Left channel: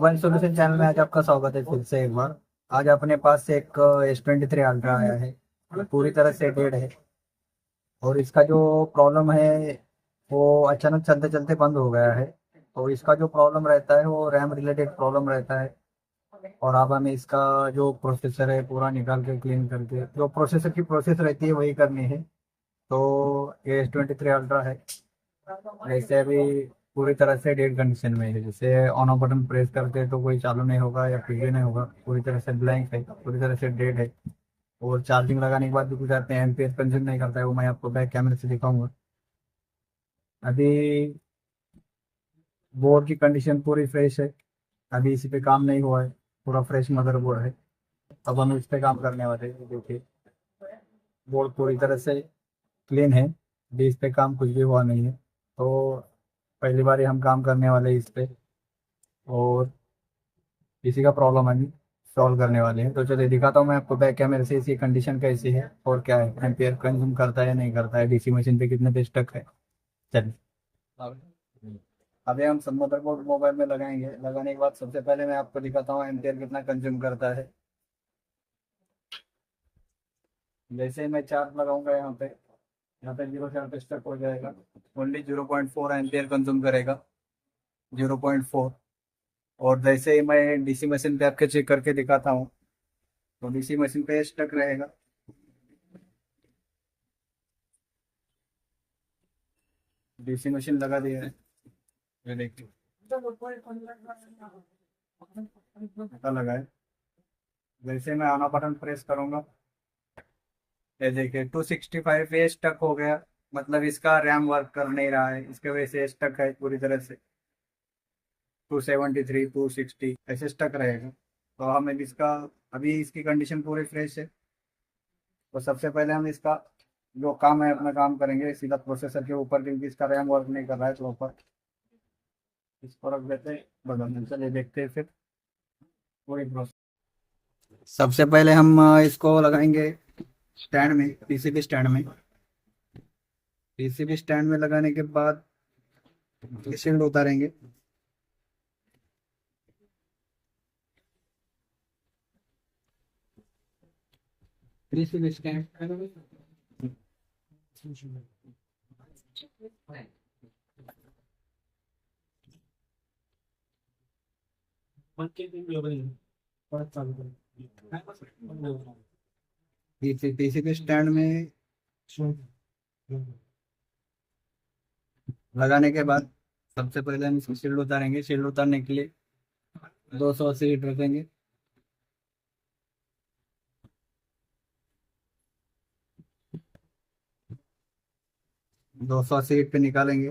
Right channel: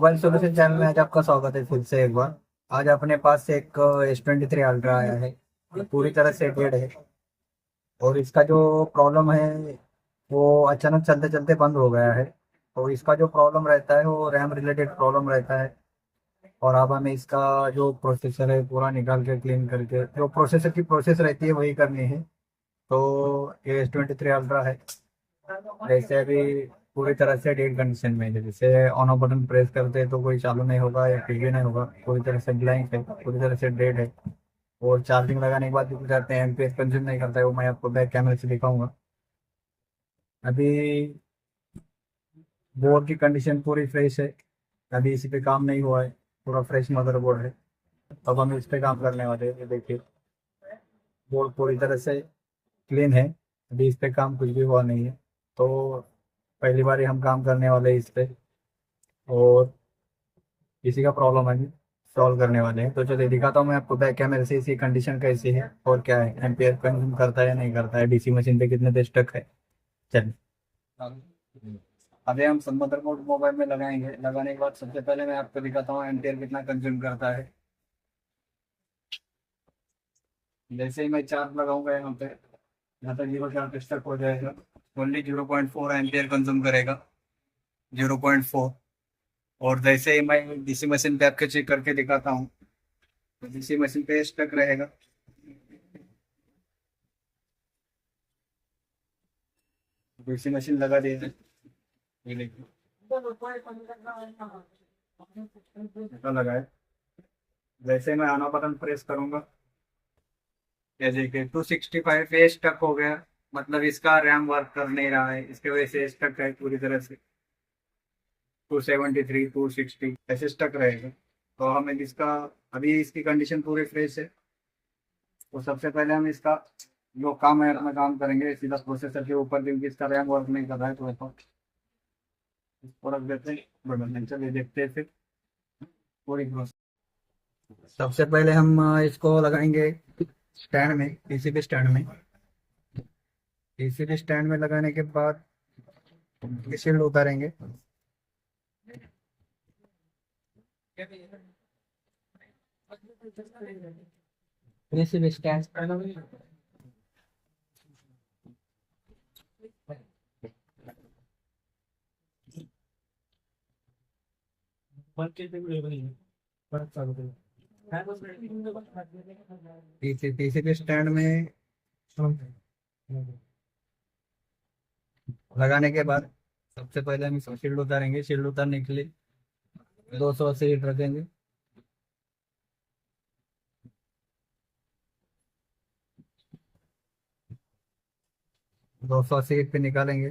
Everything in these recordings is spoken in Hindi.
मोबाइल सोल्यूशन चैनल में आज आपका स्वागत है फिर से एक बार। आज अपने पास एक S23 अल्ट्रा आया है। ये पूरी तरह से डेड है और इसका जो प्रॉब्लम है वो अचानक चलते चलते बंद हो गया है। तो इसका जो प्रॉब्लम रहता है वो रैम रिलेटेड प्रॉब्लम रहता है। और अब हमें इसका जो प्रोसेसर है पूरा निकाल के क्लीन करके जो प्रोसेसर की प्रोसेस रहती है वही करनी है। तो ये S23 अल्ट्रा है। जैसे अभी पूरी तरह से डेड कंडीशन में है। जैसे ऑन ऑफ बटन प्रेस करते हैं तो कोई चालू नहीं होगा या फिर भी नहीं होगा, पूरी तरह से ब्लैंक है, पूरी तरह से डेड है। और चार्जिंग लगाने के बाद भी कुछ आते हैं एमपीएच कंज्यूम नहीं करता है, वो मैं आपको बैक कैमरे से दिखाऊंगा। अभी बोर्ड की कंडीशन पूरी फ्रेश है। अभी इसी पे काम नहीं हुआ है, पूरा फ्रेश मदरबोर्ड है। अब हम इस पे काम करने वाले हैं। ये देखिए, बोर्ड पूरी तरह से क्लीन है। अभी इस पे काम कुछ भी हुआ नहीं है। तो पहली बार ही हम काम करने वाले हैं इस पे। और इसी का प्रॉब्लम अभी सॉल्व करने वाले हैं। तो चलिए दिखाता हूँ मैं आपको बैक कैमरे से इसकी कंडीशन कैसी है और क्या है, एम्पियर कंज्यूम करता है या नहीं करता है, डीसी मशीन पे कितने देर स्टक है। चलिए अभी हम सब मदरबोर्ड मोबाइल में लगाएंगे। लगाने के बाद सबसे पहले मैं आपको दिखाता हूँ एम्पियर कितना कंज्यूम करता है। जैसे ही मैं चार्ज लगाऊंगा यहाँ पे 0 चार्ज स्टक हो जाएगा। ओनली 0.4 एम्पियर कंज्यूम करेगा, 0.4। और जैसे ही मैं डीसी मशीन पे आपके चेक करके दिखाता हूँ तो डीसी मशीन पे स्टक रहेगा। डीसी मशीन लगा दिया है, ये देखिए कितना लगा है। जैसे मैं आना बटन प्रेस करूंगा, ये देखिए 265 पे स्टक हो गया। मतलब इसका रैम वर्क कर नहीं रहा है, इसके वजह से स्टक है पूरी तरह से। 273 260 ऐसे स्टक रहेगा। तो हमें इसका अभी इसकी कंडीशन पूरी फ्रेश है। तो सबसे पहले हम इसका जो काम है अपना काम करेंगे सीधा प्रोसेसर के ऊपर, क्योंकि इसका रैम वर्क नहीं कर रहा है। तो ऊपर इसको रख देते हैं, बढ़िया चलिए देखते हैं फिर पूरी प्रोसेस। सबसे पहले हम इसको लगाएंगे स्टैंड में, पीसीबी स्टैंड में। पीसीबी स्टैंड में लगाने के बाद शील्ड उतारेंगे। पीसीबी स्टैंड पीसीबी स्टैंड में लगाने के बाद सबसे पहले हम इसको शील्ड उतारेंगे। शील्ड उतारने के लिए 280 हीट रखेंगे। 280 हीट पे निकालेंगे।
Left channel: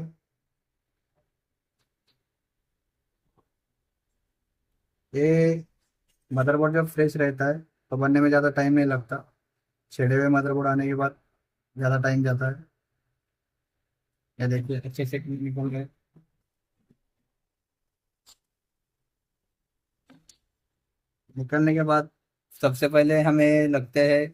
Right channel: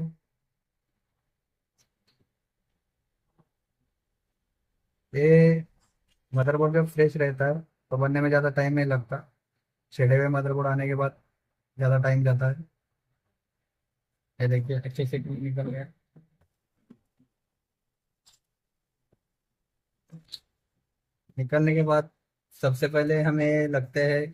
ये मदरबोर्ड जब फ्रेश रहता है तो बनने में ज़्यादा टाइम नहीं लगता। छेड़े हुए मदरबोर्ड आने के बाद ज़्यादा टाइम जाता है। ये देखिए अच्छे से निकल गए। निकलने के बाद सबसे पहले हमें लगते हैं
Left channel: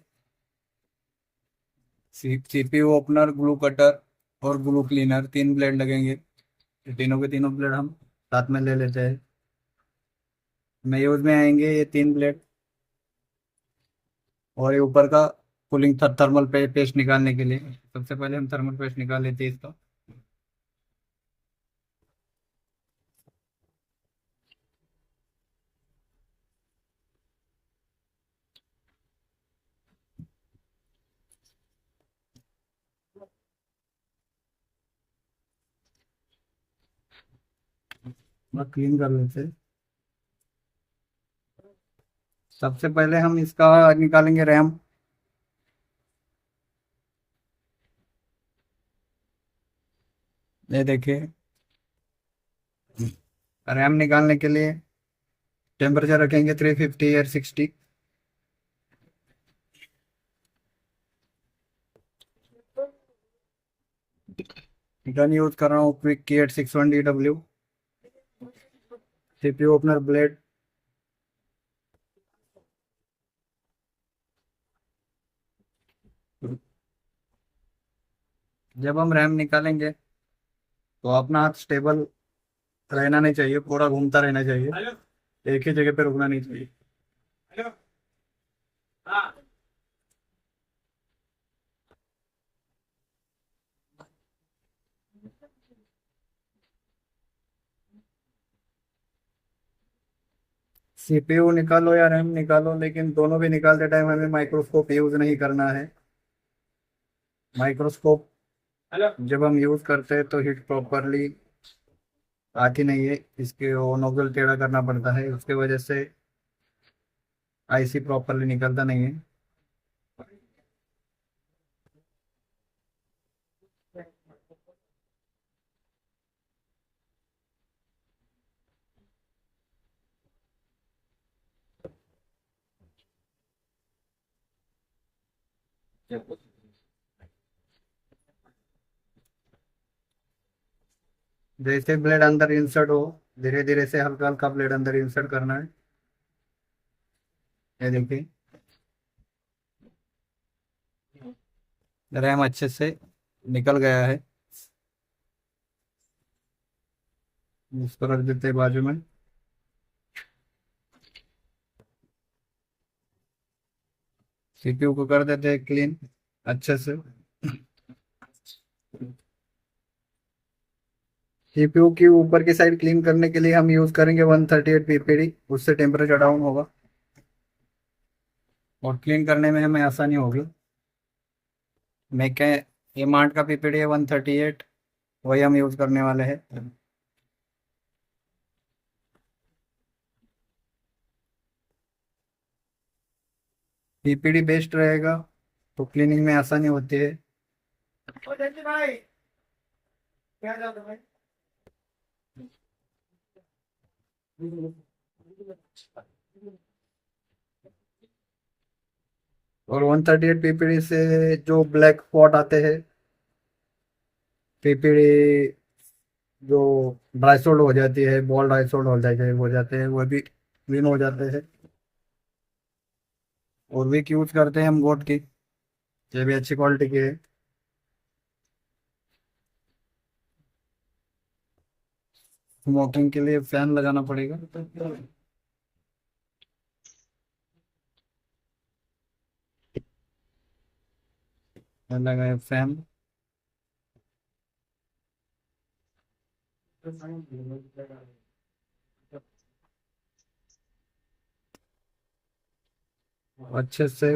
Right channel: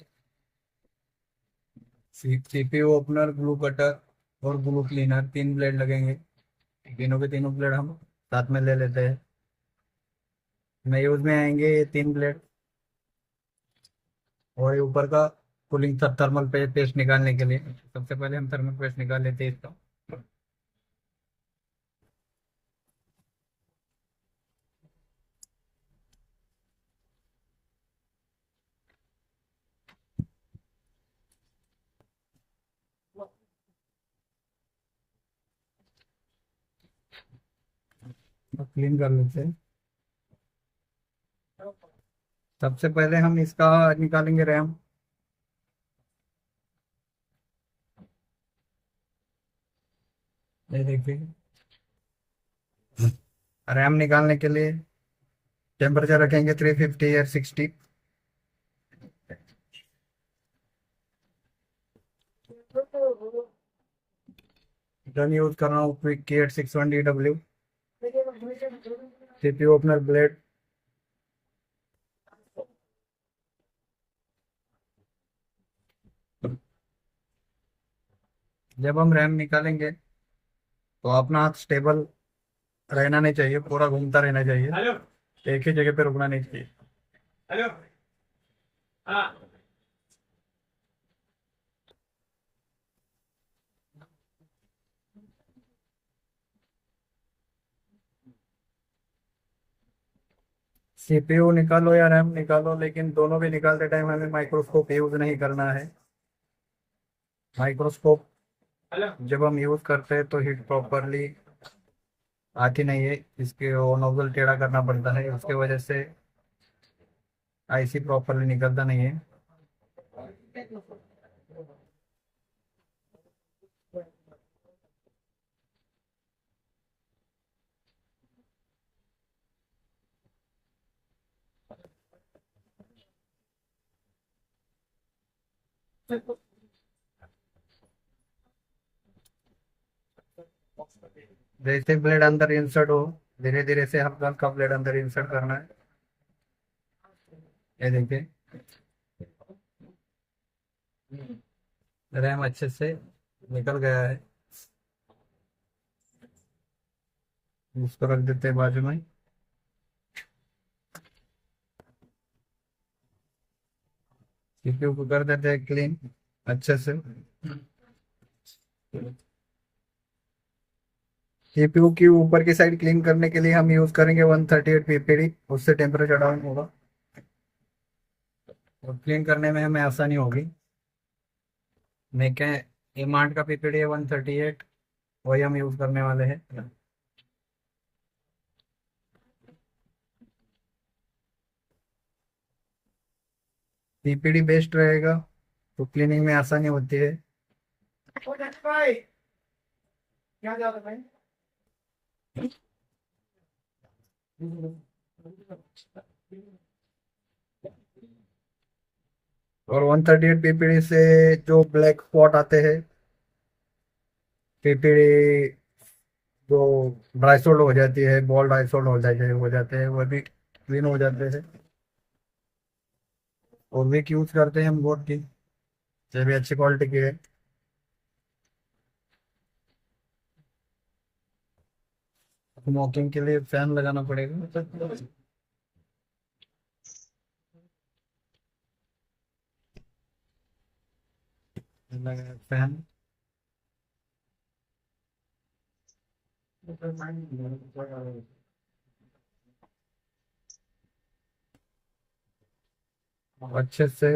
सीपीयू ओपनर, ग्लू कटर और ग्लू क्लीनर। 3 ब्लेड लगेंगे। तीनों के तीनों ब्लेड हम साथ में ले लेते हैं। में यूज में आएंगे ये 3 ब्लेड। और ये ऊपर का कूलिंग थर्मल पेस्ट निकालने के लिए सबसे पहले हम थर्मल पेस्ट निकाल लेते हैं इसका। क्लीन कर लेते हैं। सबसे पहले हम इसका निकालेंगे रैम। ये देखिए, रैम निकालने के लिए टेम्परेचर रखेंगे 350 या 60। गन यूज कर रहा हूँ क्विक की 861DW। CPU opener blade. जब हम रैम निकालेंगे तो अपना हाथ स्टेबल रहना नहीं चाहिए, पूरा घूमता रहना चाहिए। एक ही जगह पे रुकना नहीं चाहिए। सीपीयू निकालो या रैम निकालो, लेकिन दोनों भी निकालते टाइम हमें माइक्रोस्कोप यूज नहीं करना है। माइक्रोस्कोप जब हम यूज करते हैं तो हीट प्रॉपरली आती नहीं है, इसके वो नोजल टेढ़ा करना पड़ता है, उसके वजह से आईसी प्रॉपरली निकलता नहीं है। जैसे ब्लेड अंदर इंसर्ट हो, धीरे धीरे से हल्का हल्का ब्लेड अंदर इंसर्ट करना है। ये देखिए, रैम अच्छे से निकल गया है। उसको रख देते हैं बाजू में। सीपीयू को कर देते हैं क्लीन अच्छे से। सीपीयू की ऊपर की साइड क्लीन करने के लिए हम यूज करेंगे 138 पीपीडी, उससे टेम्परेचर डाउन होगा और क्लीन करने में हमें आसानी होगी। मैं क्या, ये मार्ट का पीपीडी है 138, वही हम यूज करने वाले हैं। पीपीडी बेस्ट रहेगा तो क्लीनिंग में आसानी होती है। और 138 पीपीडी से जो ब्लैक स्पॉट आते हैं, पीपीडी जो ड्राई सोल्ड हो जाती है, बॉल ड्राई सोल्ड हो जाते हैं वो भी क्लीन हो जाते हैं। और विक यूज करते हैं हम बोट की, ये भी अच्छी क्वालिटी की है। स्मोकिंग के लिए फैन लगाना पड़ेगा। लगाया फैन। अच्छे से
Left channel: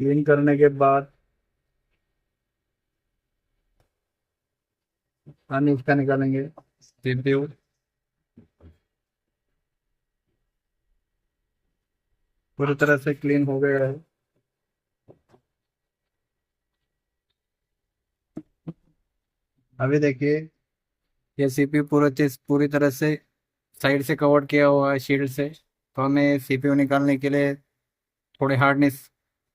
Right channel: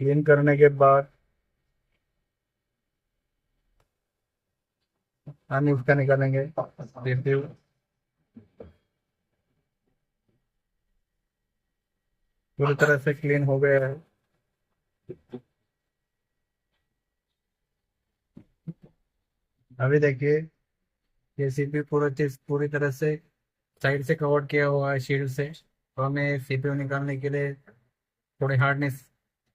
क्लीन करने के बाद पानी उसका निकालेंगे। सीपीयू पूरी तरह से क्लीन हो गया है। अभी देखिए, ये सीपीयू पूरा चीज पूरी तरह से साइड से कवर किया हुआ है शील्ड से, तो हमें सीपीयू निकालने के लिए थोड़ी हार्डनेस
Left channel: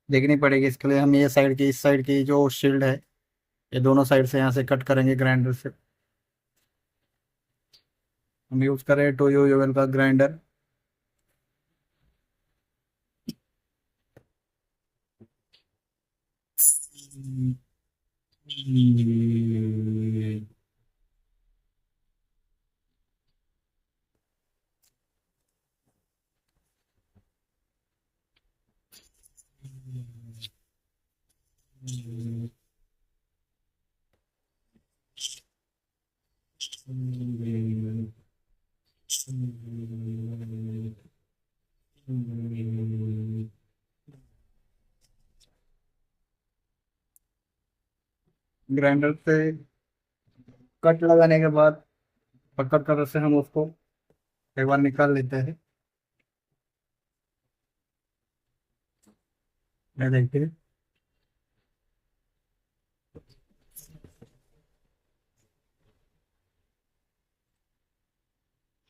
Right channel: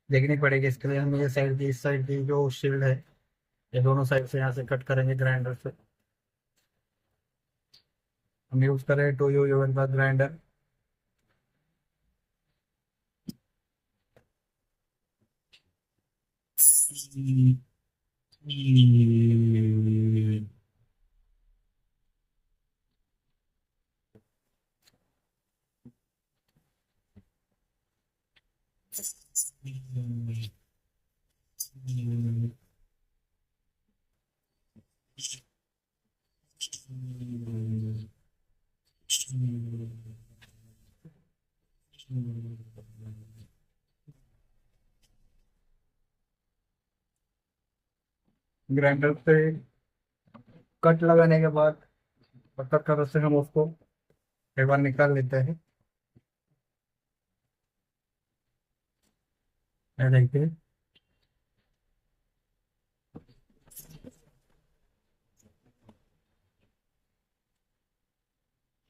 देखनी पड़ेगी। इसके लिए हम ये साइड की, इस साइड की जो शील्ड है, ये दोनों साइड से यहाँ से कट करेंगे ग्राइंडर से। हम यूज करें टोयो यूएल का ग्राइंडर। ग्राइंडर से कट लगाने के बाद पकड़ कर से हम उसको एक बार निकाल लेते हैं। ये देखिए,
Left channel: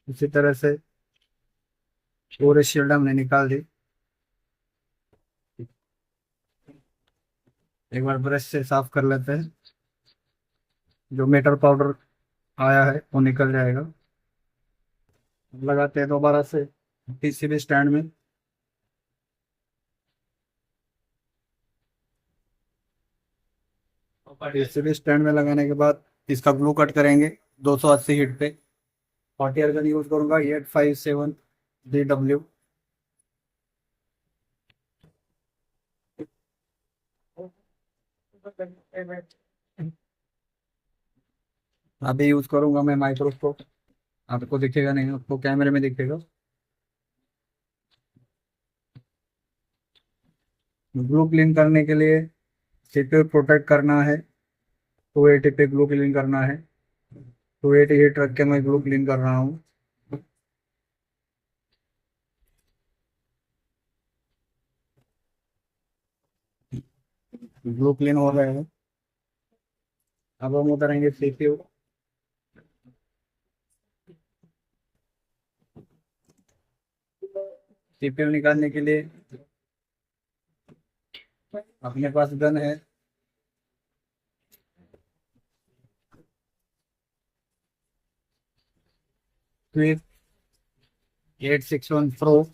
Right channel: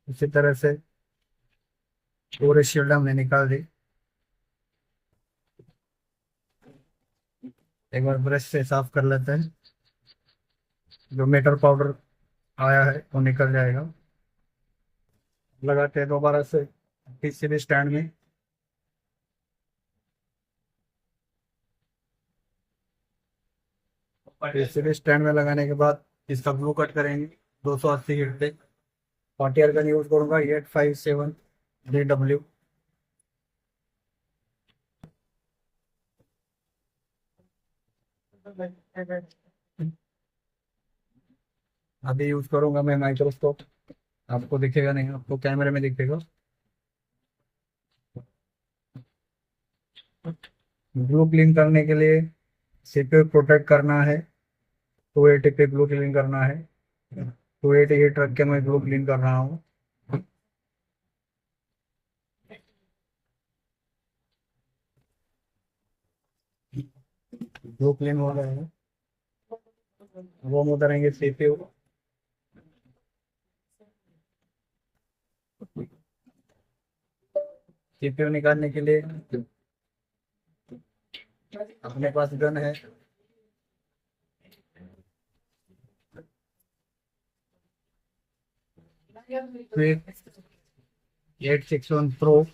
इसी तरह से पूरे शील्ड हमने निकाल दी। एक बार ब्रश से साफ कर लेते हैं, जो मीटर पाउडर आया है वो निकल जाएगा। लगाते हैं दोबारा से पीसीबी स्टैंड में। पीसीबी स्टैंड में लगाने के बाद इसका ग्लू कट करेंगे 280 हीट पे। Frontier गन यूज करूंगा 857 DW। अभी यूज करूंगा मैं माइक्रोस्कोप। आपको दिखेगा नहीं, आपको कैमरे में दिखेगा। ब्लू क्लीन करने के लिए सीपीयू प्रोटेक्ट करना है। 280 पे ब्लू क्लीन करना है। 288 रख के मैं ब्लू क्लीन कर रहा हूँ। ब्लू क्लीन हो गए हैं। अब हम उतरेंगे सीपीयू। सीपीयू निकालने के लिए अपने पास गन है। फिर 861 प्रो।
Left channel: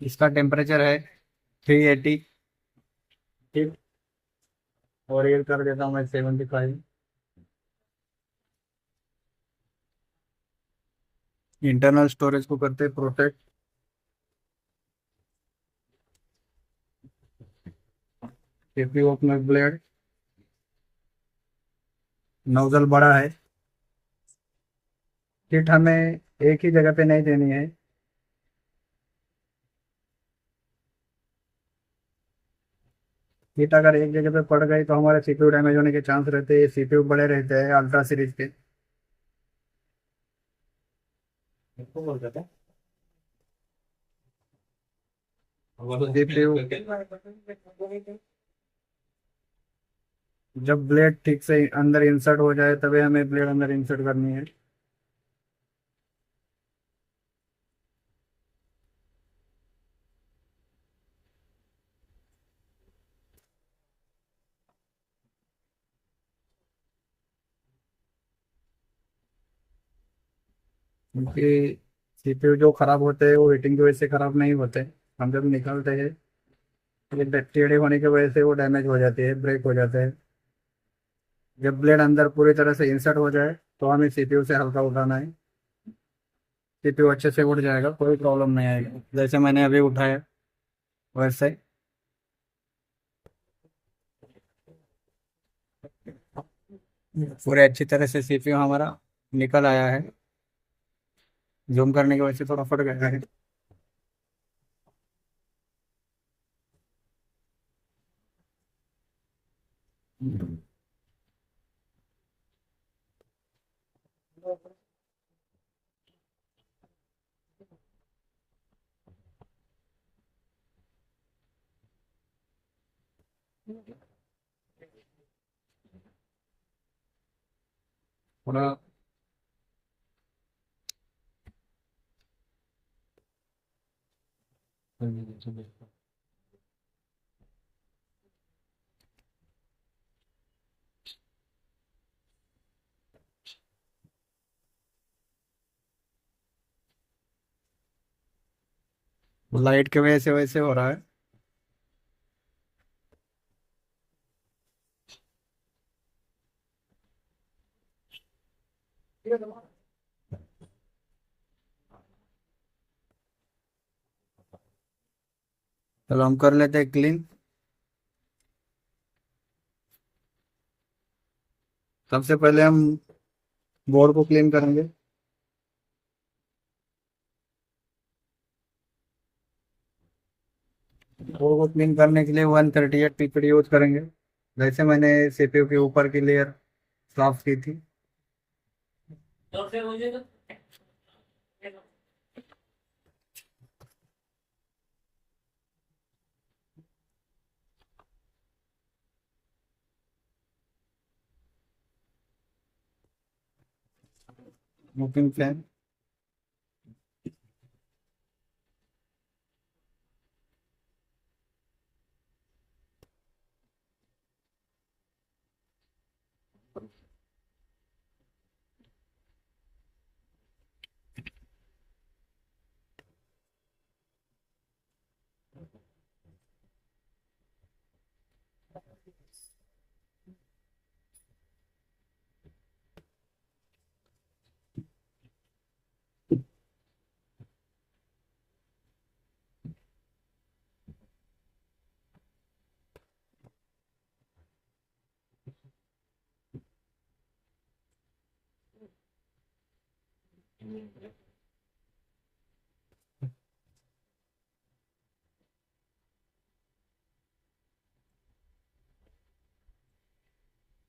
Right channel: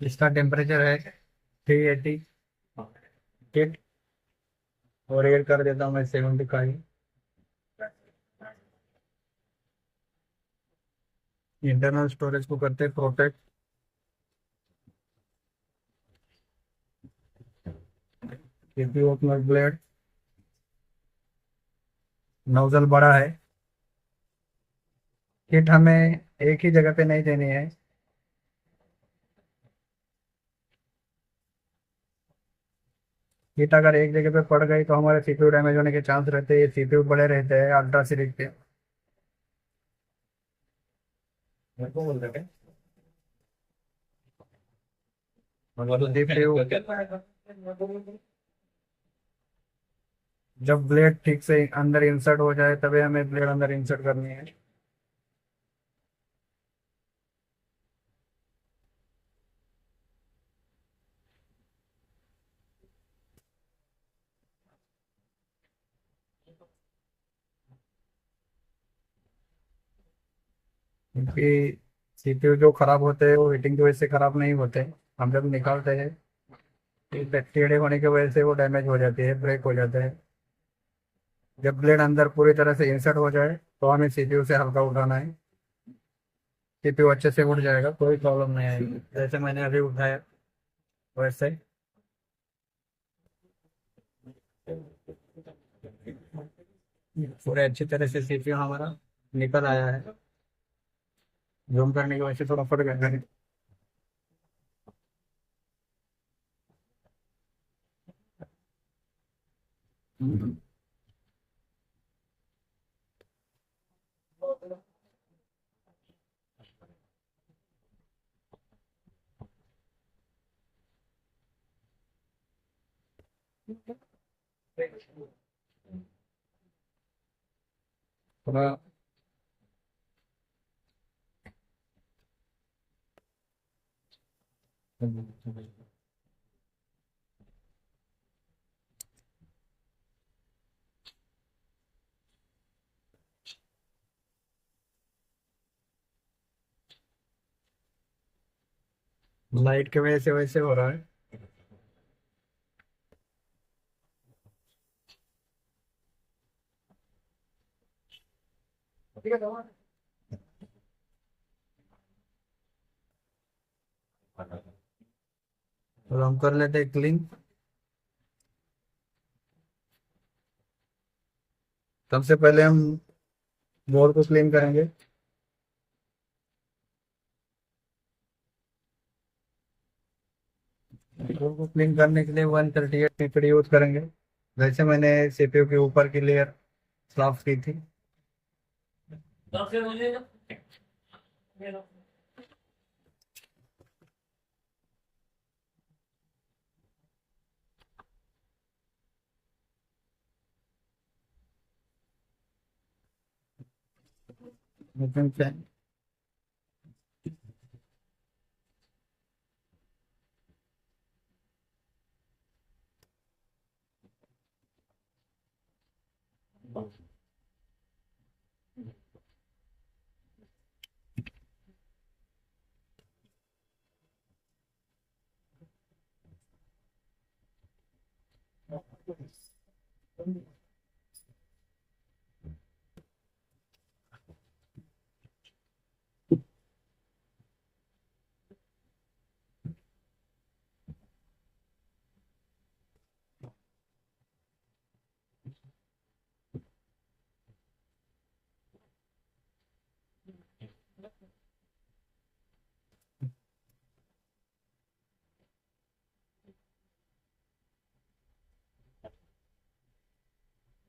इसका टेम्परेचर है 380 हिट। और एड कर देता हूँ मैं 75। इंटरनल स्टोरेज को करते protect. CPU opener blade. Nozzle बड़ा है। हिट हमें एक ही जगह पे नहीं देनी है। हिट अगर एक जगह पे पड़ गई तो हमारे सीपीयू डैमेज होने के चांस रहते हैं। सीपीयू बड़े रहते हैं अल्ट्रा सीरीज के। सीपीयू जब ब्लेड ठीक से अंदर इंसर्ट हो जाए तभी हमें ब्लेड अंदर इंसर्ट करनी है। क्योंकि सीपीयू जो खराब होते हैं वो हीटिंग की वजह से खराब नहीं होते। हम जब निकालते हैं ये टेढ़े होने की वजह से वो डैमेज हो जाती है, ब्रेक हो जाता है। जब ब्लेड अंदर पूरी तरह से इंसर्ट हो जाए तो हमें सीपीयू से हल्का उठाना है। सीपीयू अच्छे से उठ जाएगा, कोई प्रॉब्लम नहीं आएगी। जैसे मैंने अभी उठाया वैसे। पूरे अच्छी तरह से सीपीयू हमारा निकल आया है। जूम करने की वजह से थोड़ा फट गया है। थोड़ा लाइट की वजह से वैसे हो रहा है। चलो हम कर लेते हैं क्लीन। सबसे पहले हम बोर्ड को क्लीन करेंगे। बोर्ड को क्लीन करने के लिए 138 PPD यूज करेंगे। जैसे मैंने सीपीयू के ऊपर की लेयर साफ की थी। Moving fan.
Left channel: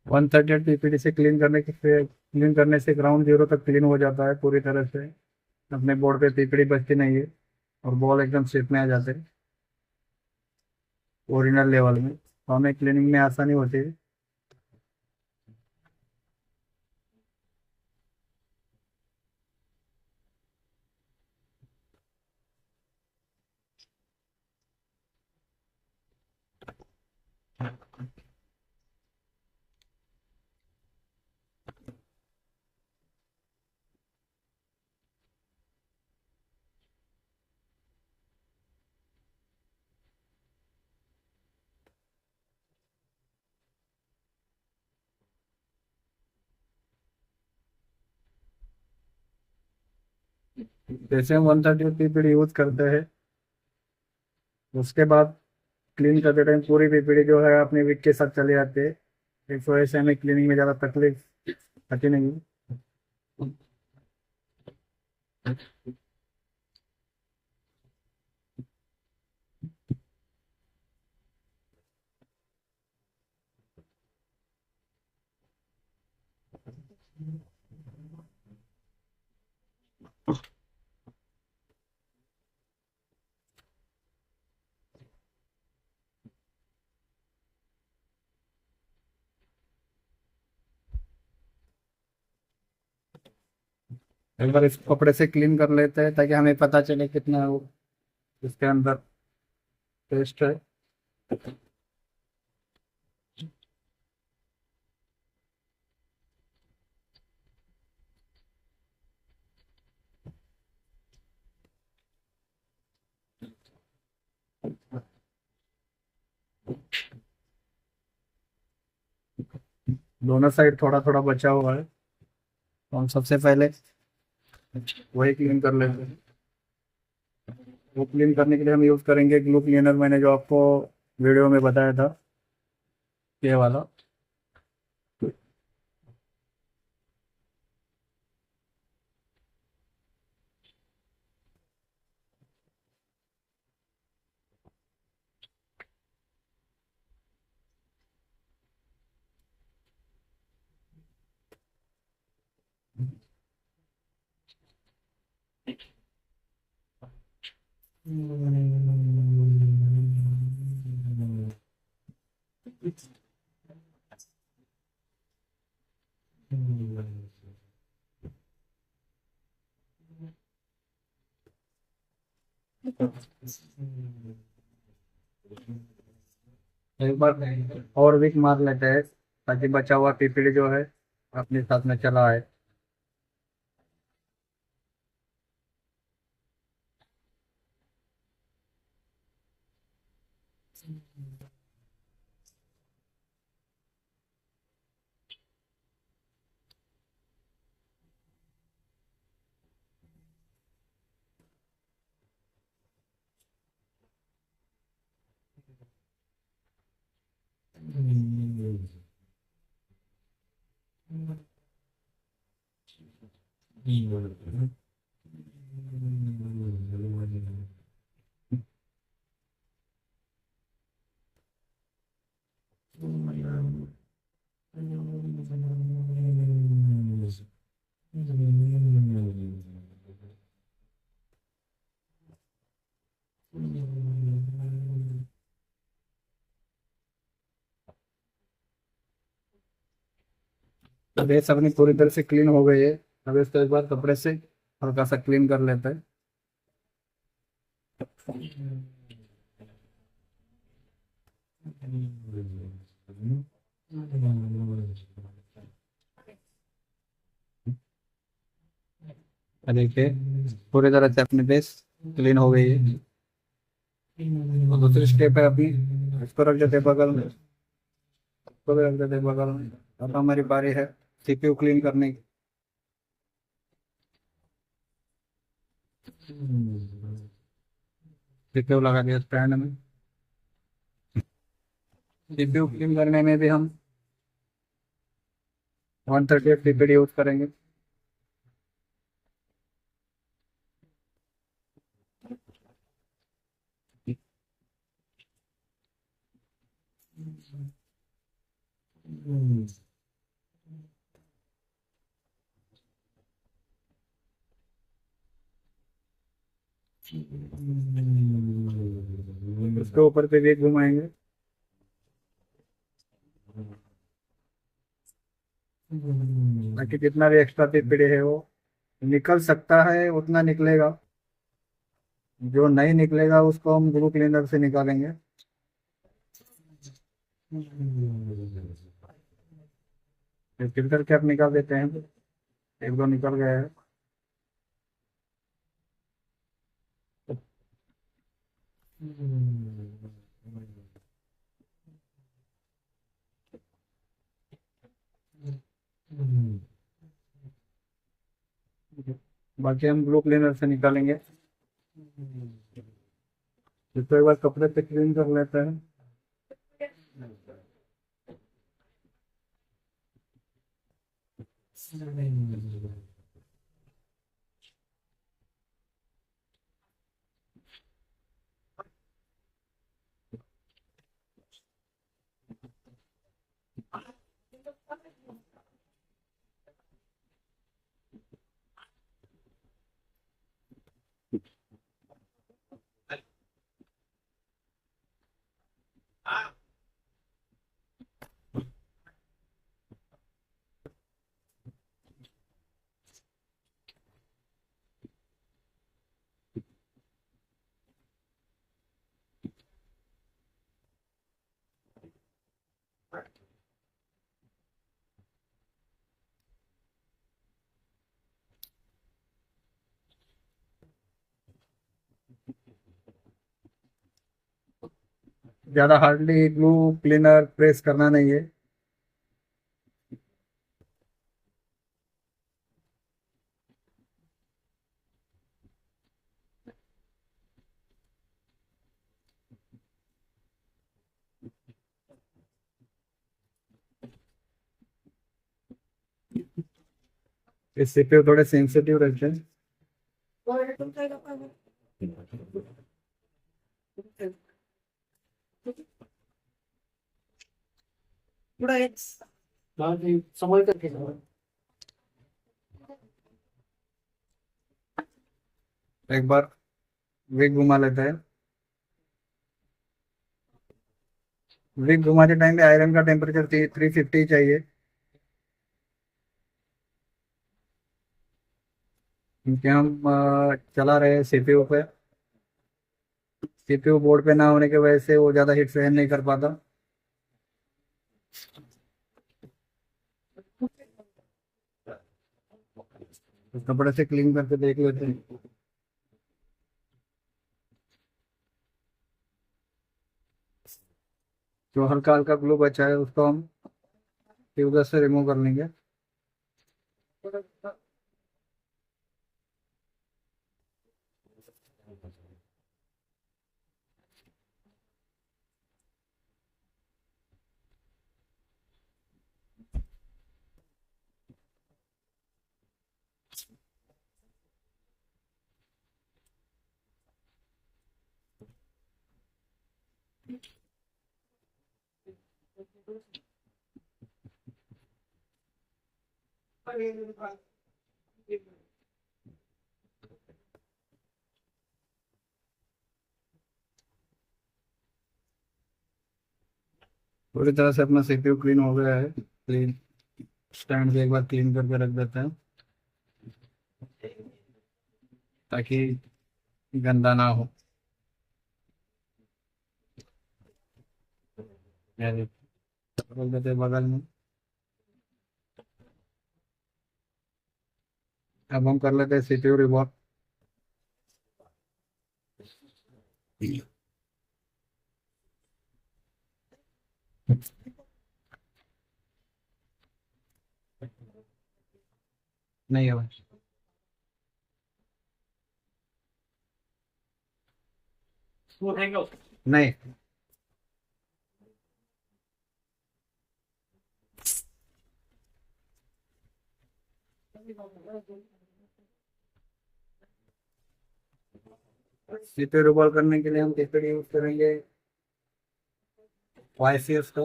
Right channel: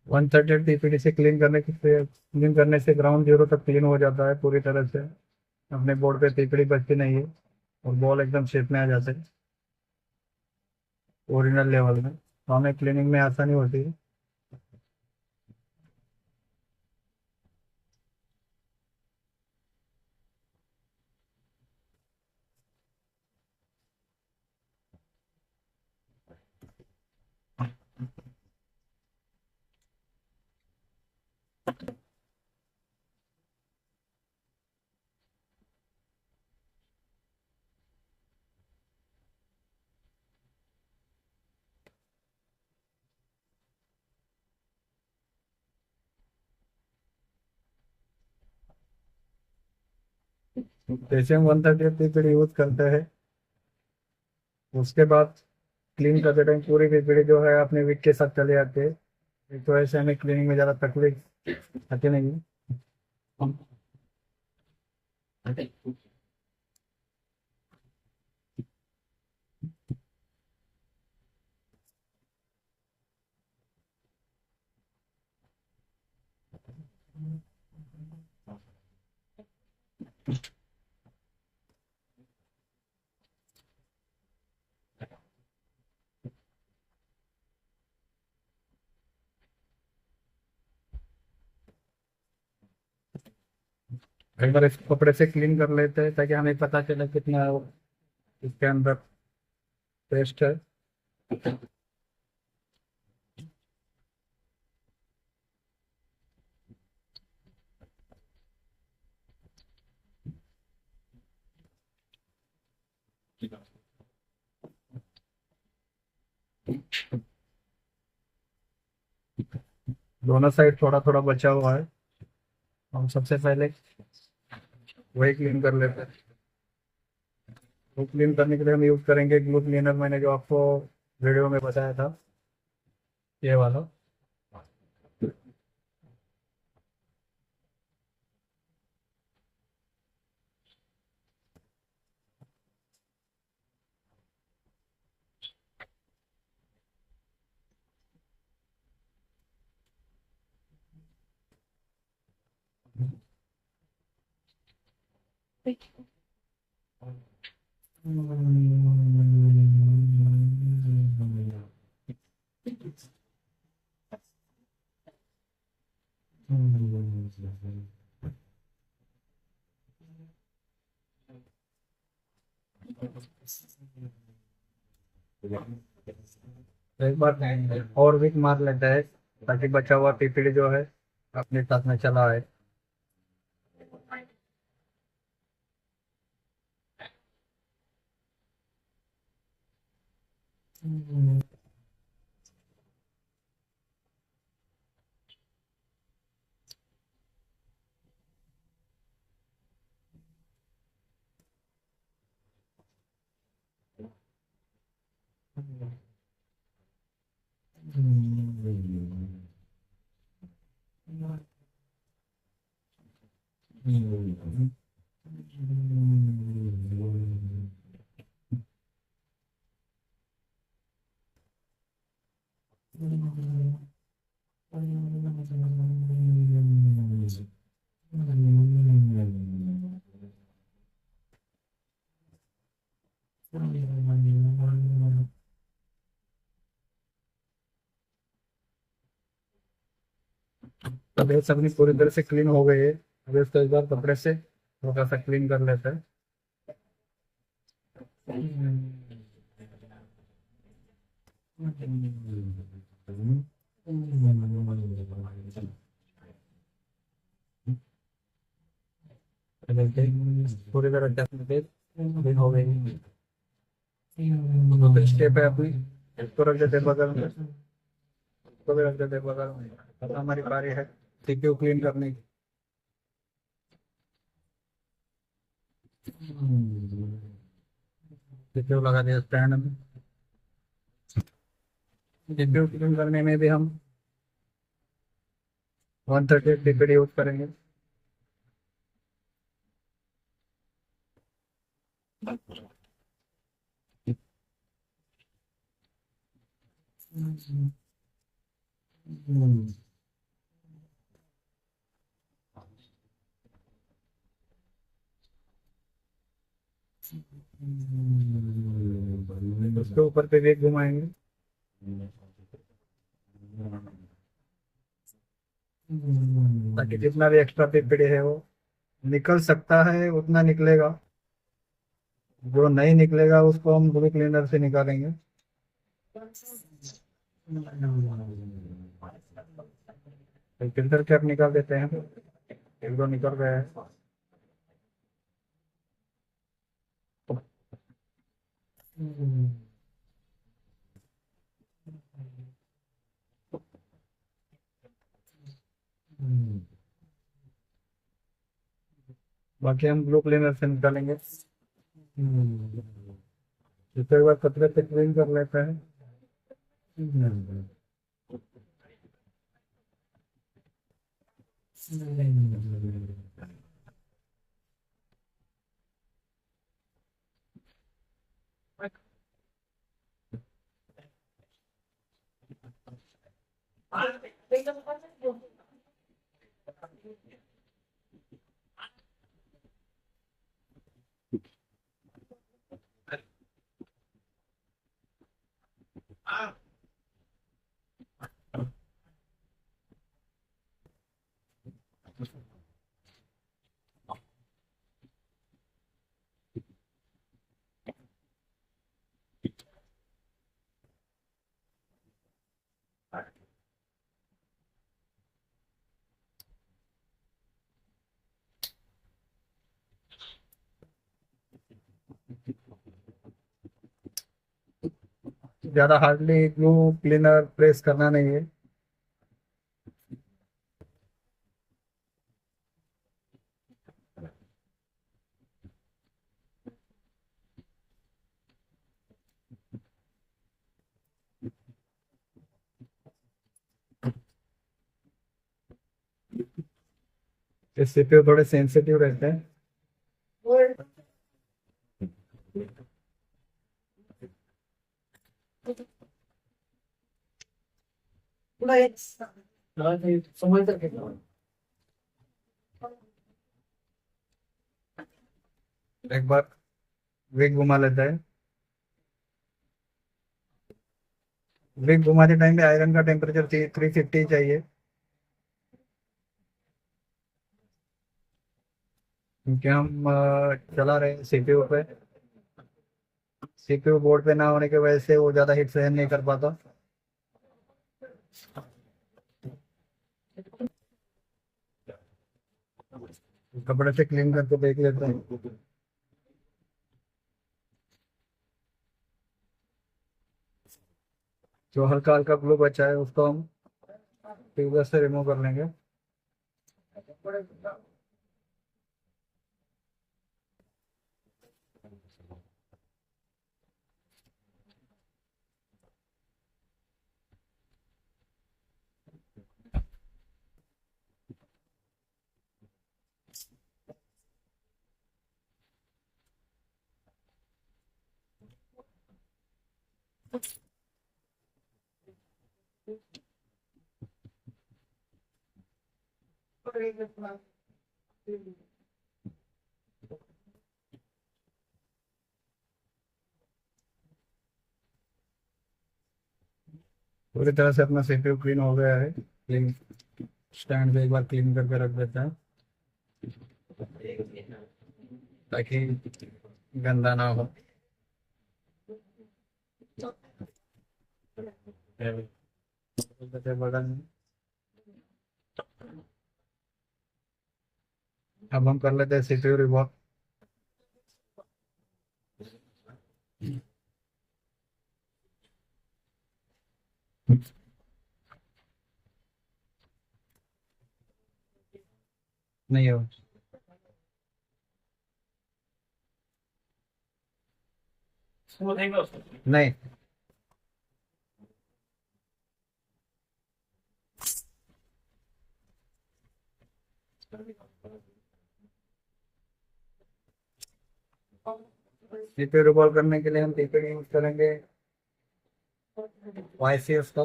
138 ppt से क्लीन करने से ग्राउंड जीरो तक क्लीन हो जाता है पूरी तरह से। अपने बोर्ड पे पीपीडी बचती नहीं है और बॉल एकदम शेप में आ जाता है ओरिजिनल लेवल में, तो हमें क्लीनिंग में आसानी होती है। जैसे हम 138 पीपीडी यूज करते हैं, उसके बाद क्लीन करते टाइम पूरी पीपीडी जो है अपने विक के साथ चले जाते हैं। इस वजह से हमें क्लीनिंग में ज़्यादा तकलीफ आती नहीं है। एक बार इस कपड़े से क्लीन कर लेते हैं ताकि हमें पता चले कितना इसके अंदर पेस्ट है। दोनों साइड थोड़ा थोड़ा बचा हुआ है, तो हम सबसे पहले वही क्लीन कर लेते हैं। वो क्लीन करने के लिए हम यूज करेंगे ग्लू क्लीनर, मैंने जो आपको वीडियो में बताया था, ये वाला। एक बार और विक मार लेते हैं ताकि बचा हुआ पीपीडी जो है अपने साथ में चला है। अब ये सब पूरी तरह से क्लीन हो गई है। अब इसको एक बार कपड़े से हल्का सा क्लीन कर लेते हैं। देखिए पूरी तरह से अपनी बेस क्लीन हो गई है। तो दूसरी स्टेप है, अभी इसको रख देते हैं बगल में। तो भी रख देते बगल में। अब हमारी बारी है सीपीयू क्लीन करने की। सीपीयू लगा दिया स्टैंड में। सीपीयू क्लीन करने में भी हम 138 डीपीडी यूज करेंगे। उसके ऊपर पे भी एक घुमाएंगे ताकि जितना भी एक्स्ट्रा पीपीडी है वो निकल सकता है उतना निकलेगा। जो नहीं निकलेगा उसको हम ग्लू क्लीनर से निकालेंगे। फिल्टर कैप निकाल देते हैं। एक दो निकल गए हैं। बाकी हम ग्लू क्लीनर से निकालेंगे। इसको एक बार कपड़े से क्लीन कर लेते हैं। ज्यादा हार्डली ग्लू क्लीनर प्रेस करना नहीं है। इससे पे थोड़े सेंसिटिव रहते हैं। समझ करके एक बार विग घुमा लेते हैं। विग घुमाते टाइम पे आयरन का टेम्परेचर 350 चाहिए क्योंकि हम चला रहे हैं सीपीयू पे। सीपीयू बोर्ड पे ना होने की वजह से वो ज़्यादा हीट सहन नहीं कर पाता। कपड़े से क्लीन करके देख लेते हैं। जो हल्का हल्का ग्लू बचा है उसको हम ट्यूबर से रिमूव कर लेंगे। पूरी तरह से अपना सीपीयू क्लीन हो गया है। क्लीन स्टैंड से एक बार क्लीन करके रख देते हैं ताकि गंदा ना हो। रख देते हैं बगल में। अब हम कर लेते हैं सीपीयू रिमूव। नहीं हो, नहीं। सीपीयू रिकॉल करने के लिए हम सीपीयू यूज करेंगे YCS का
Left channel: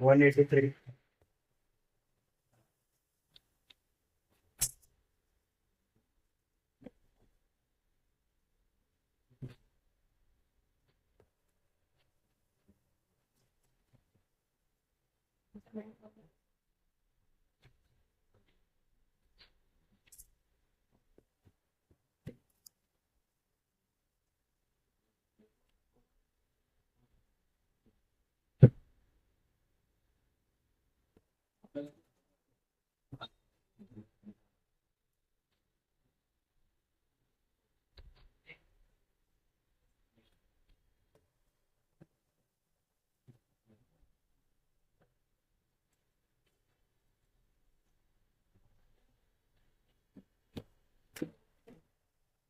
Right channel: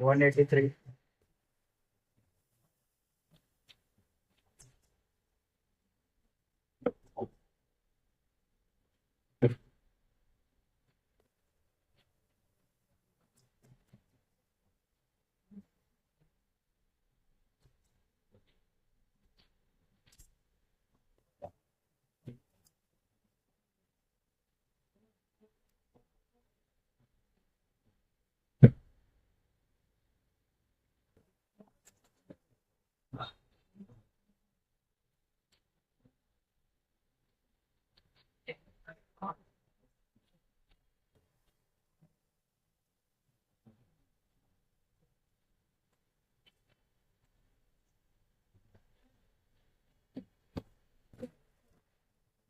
183।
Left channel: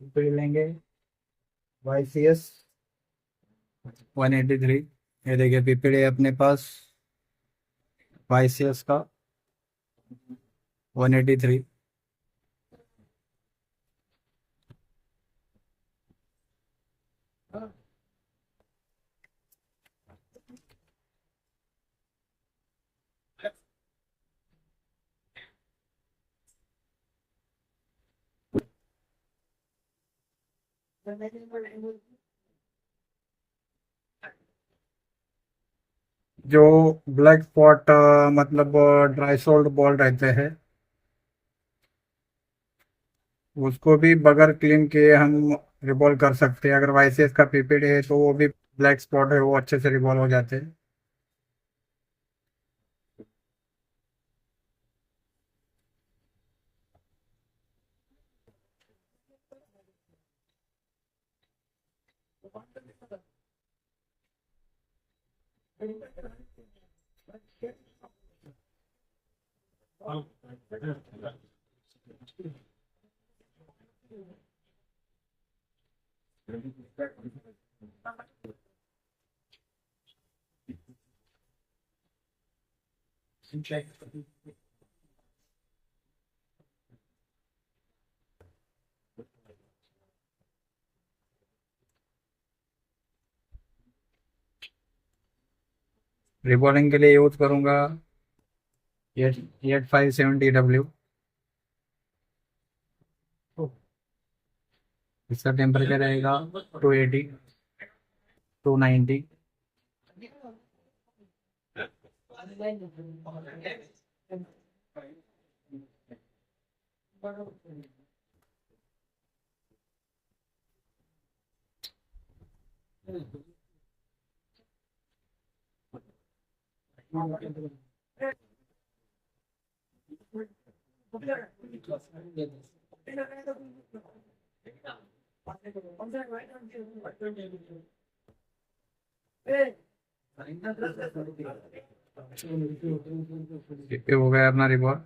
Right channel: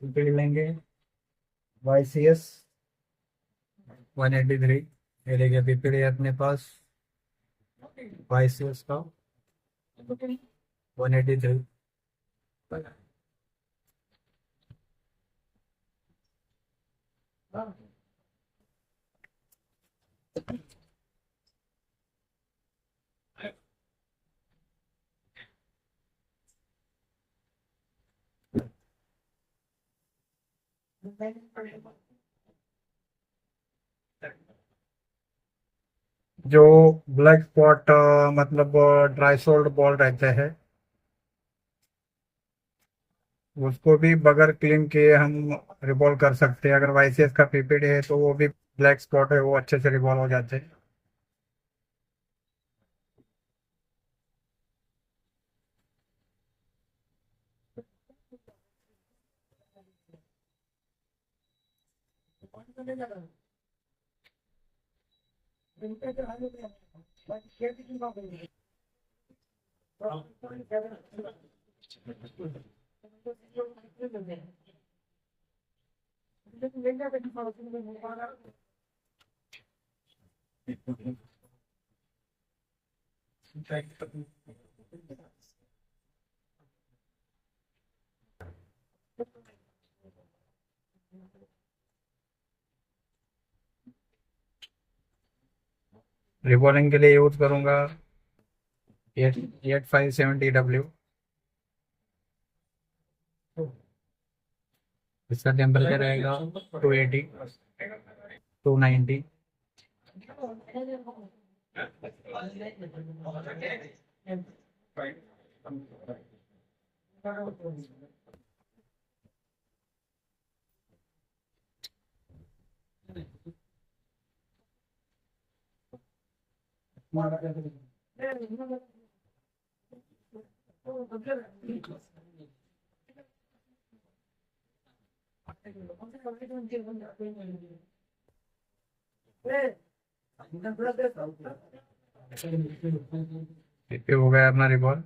सीपीयू लेंगे YCS 183। ये देखिए पीपीडी है अपने पास YCS का 183। जो ब्लैक स्पॉट मतलब ड्राई सोल्ड बॉल रहते हैं, उसको भी बगैर क्लीन किए हम रिवॉल्व कर सकते हैं। अगर वाईसीएस का पीपीडी है तो वो भी ब्लैक स्पॉट है, वो अच्छे से रिवॉल्व हो जाते हैं। रिवॉल्विंग के लिए यूज करूंगा 8570W। इसका टेम्परेचर रहेगा 280 290। ये हो गया अपना रिवॉल्व।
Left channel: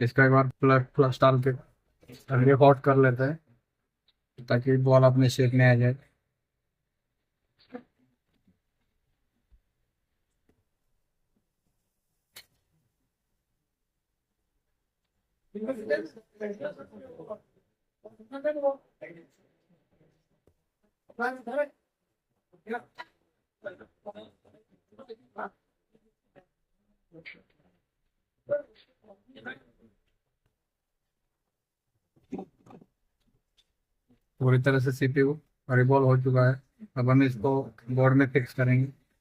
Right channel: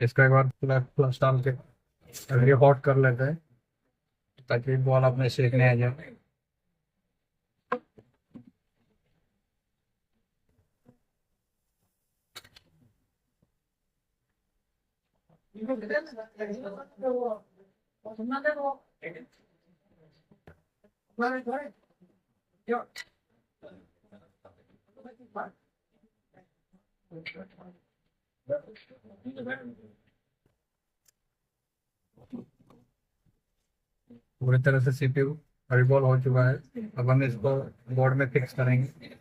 इसका एक बार प्लग प्लस डाल के ये हॉट कर लेते हैं ताकि बॉल अपने सेकने आ जाए। पूरी तरह से सीपीयू रिवॉल्व हो चुका है। अब हम इसको बोर्ड में फिक्स करेंगे।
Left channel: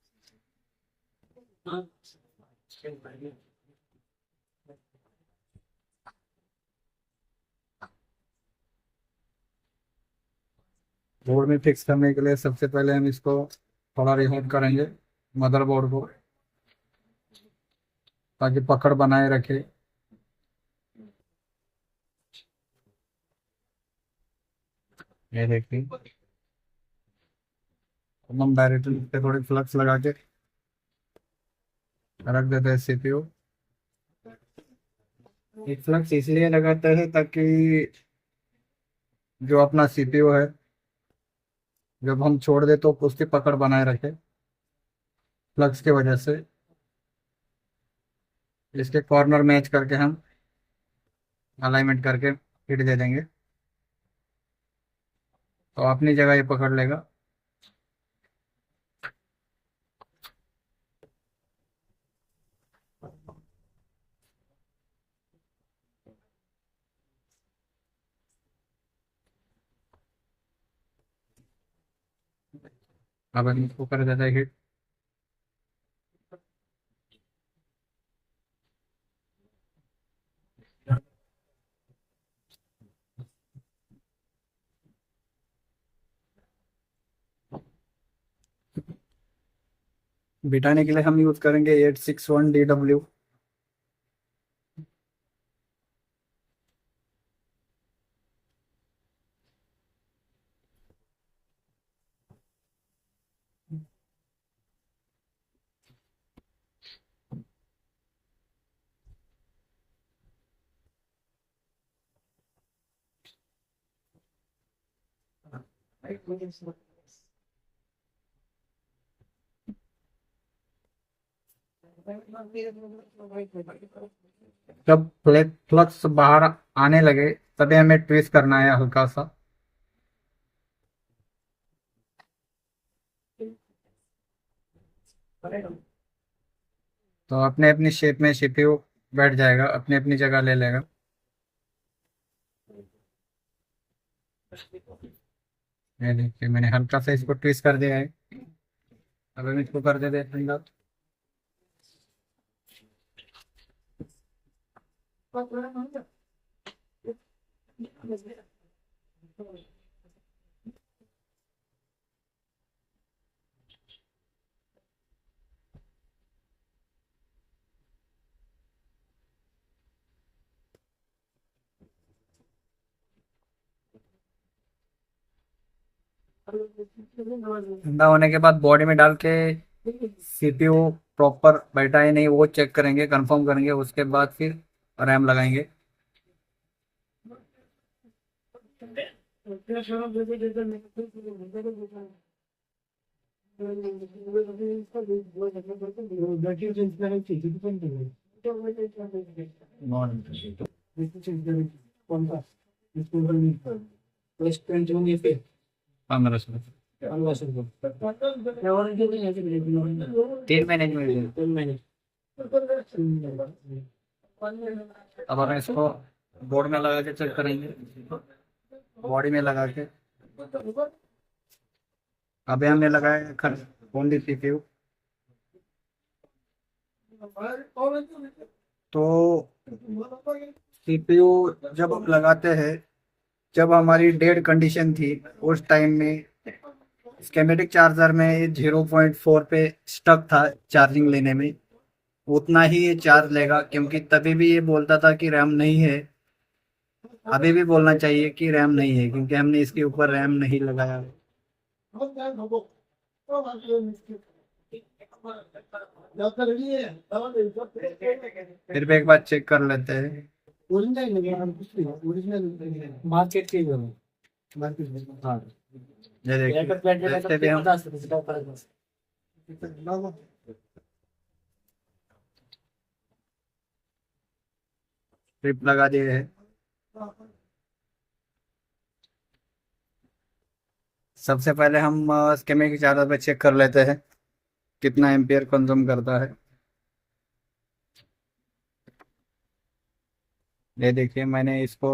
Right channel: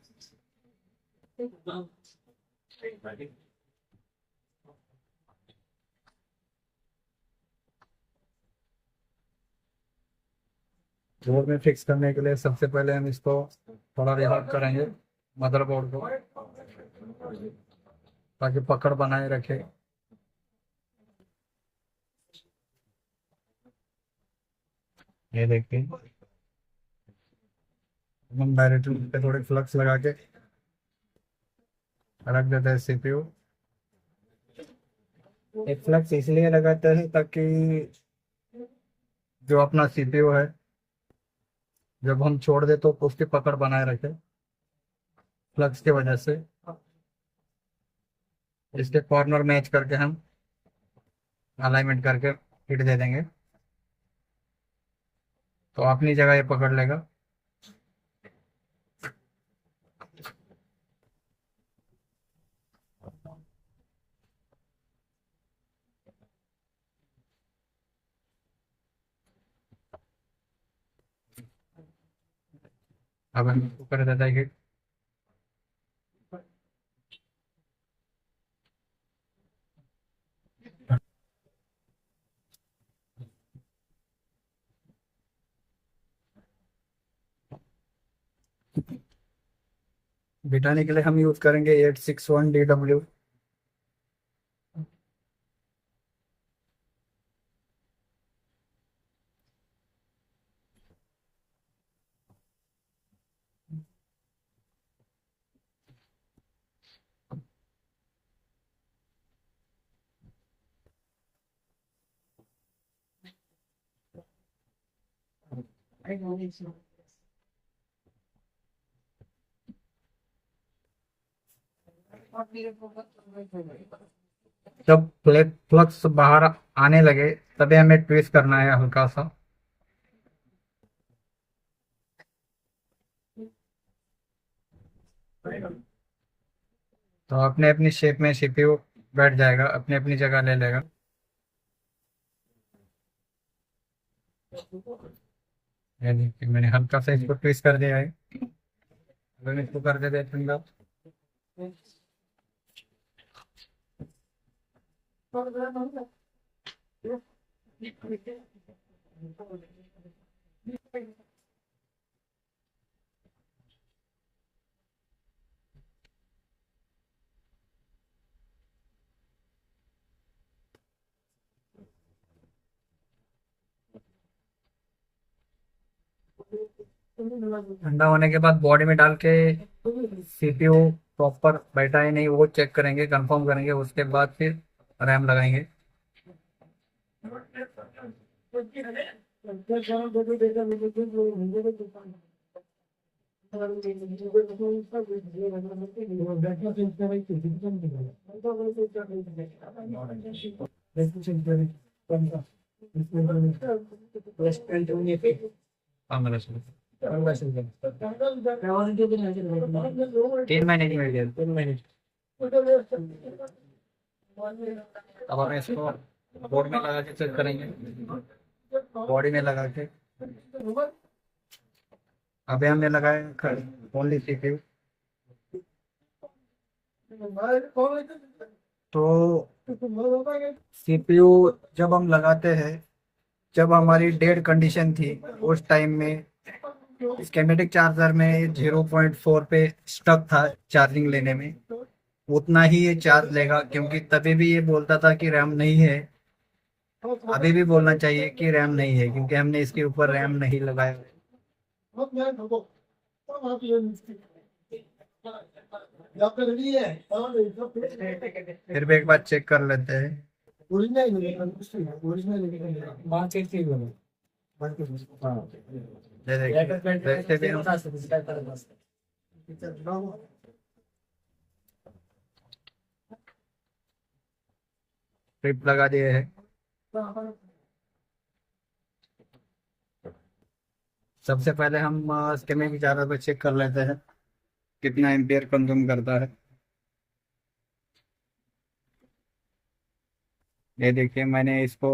बोर्ड में फिक्स करने के लिए सबसे पहले हम इसको थोड़ा रिहॉट करेंगे मदरबोर्ड को, ताकि पकड़ बनाए रखे। ये देखिए, अब हम डायरेक्टली पे थोड़ी फ्लक्स लगा के रख देते हैं सीपीयू। एक फ्लक्स इसलिए लगाते हैं ताकि जो अपना सीपीयू है जब हम छोड़ दे तो उसकी पकड़ बनाए रखे, फ्लक्स की वजह से। इसके कॉर्नर मैच करके हम अलाइनमेंट करके हिट दे देंगे तो अपनी जगह ये पकड़ लेगा। अब हम इसको कर देते हैं हिट। बिठाने के लिए हम यूज करेंगे 861DW। जब फ्लक्स बाहर आने लगे तभी हमें ट्विस्ट करना है हल्का सा। तो अपने अपनी शेप में सीपीयू बैठ जाएगा, अपनी अपनी जगह ले लेगा। ये देखिए मैंने हल्का सा इसको ट्विस्ट कर दिया है। अब हम इसको कर देते हैं। ठंडा होने के बाद बॉडी में डाल के सीपीयू प्रॉपर बैठा है नहीं वो चेक करेंगे, कंफर्म करेंगे, उसके बाद फिर रैम लगाएंगे। पंद्रह सौ 3 महीने की मिल जाएगी। अब हम इसको बोर्ड में लगा के चेक करेंगे, बॉडी में लगा के। अभी हमने लगाया ओनली सीपीयू। तो सीपीयू जब हम लगाते हैं, जब हमारी डेड कंडीशन थी उस टाइम में स्केमेटिक चार्जर में 0.4 पे स्टक था चार्जिंग लेने में। उतना ही ये चार्ज लेगा क्योंकि तभी भी ये बोलता था कि रैम नहीं है। अभी भी बोलना चाहिए कि रैम नहीं है क्योंकि हमने इसके ऊपर रैम नहीं लगाया। फिर भी एक बार चेक कर लेते हैं। मार्केट की हाँ ये देखिए देखते भी हम। ट्रिप लगा दिए है। सबसे पहले हम स्केमेटिक चार्जर पे चेक कर लेते हैं कितना एम्पियर कंज्यूम करता है। ये देखिए मैंने इसको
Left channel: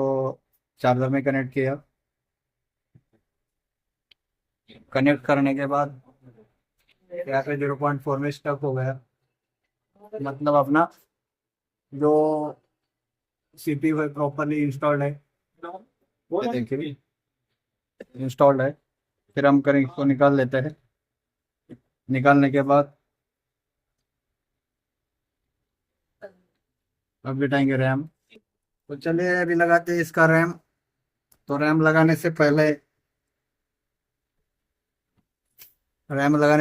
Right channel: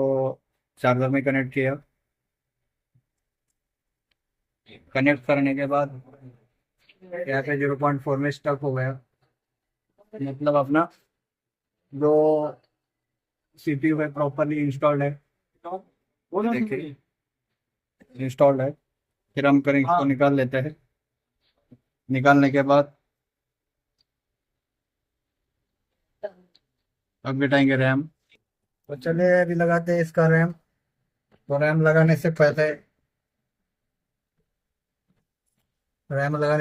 चार्जर में कनेक्ट किया। कनेक्ट करने के बाद यहाँ पे 0.4 में स्टक हो गया, मतलब अपना जो सीपीयू है प्रॉपरली इंस्टॉल्ड है। ये देखिए इंस्टॉल्ड है। फिर हम करेंगे इसको निकाल लेते हैं। निकालने के बाद अब बिठाएंगे रैम। तो चलिए अभी लगाते हैं इसका रैम। तो रैम लगाने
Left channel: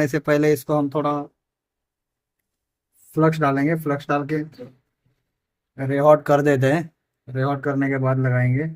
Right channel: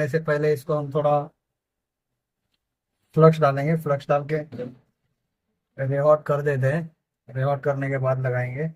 से पहले इसको हम थोड़ा फ्लक्स डालेंगे। फ्लक्स डाल के रिहॉट कर देते हैं, रिहॉट करने के बाद लगाएंगे।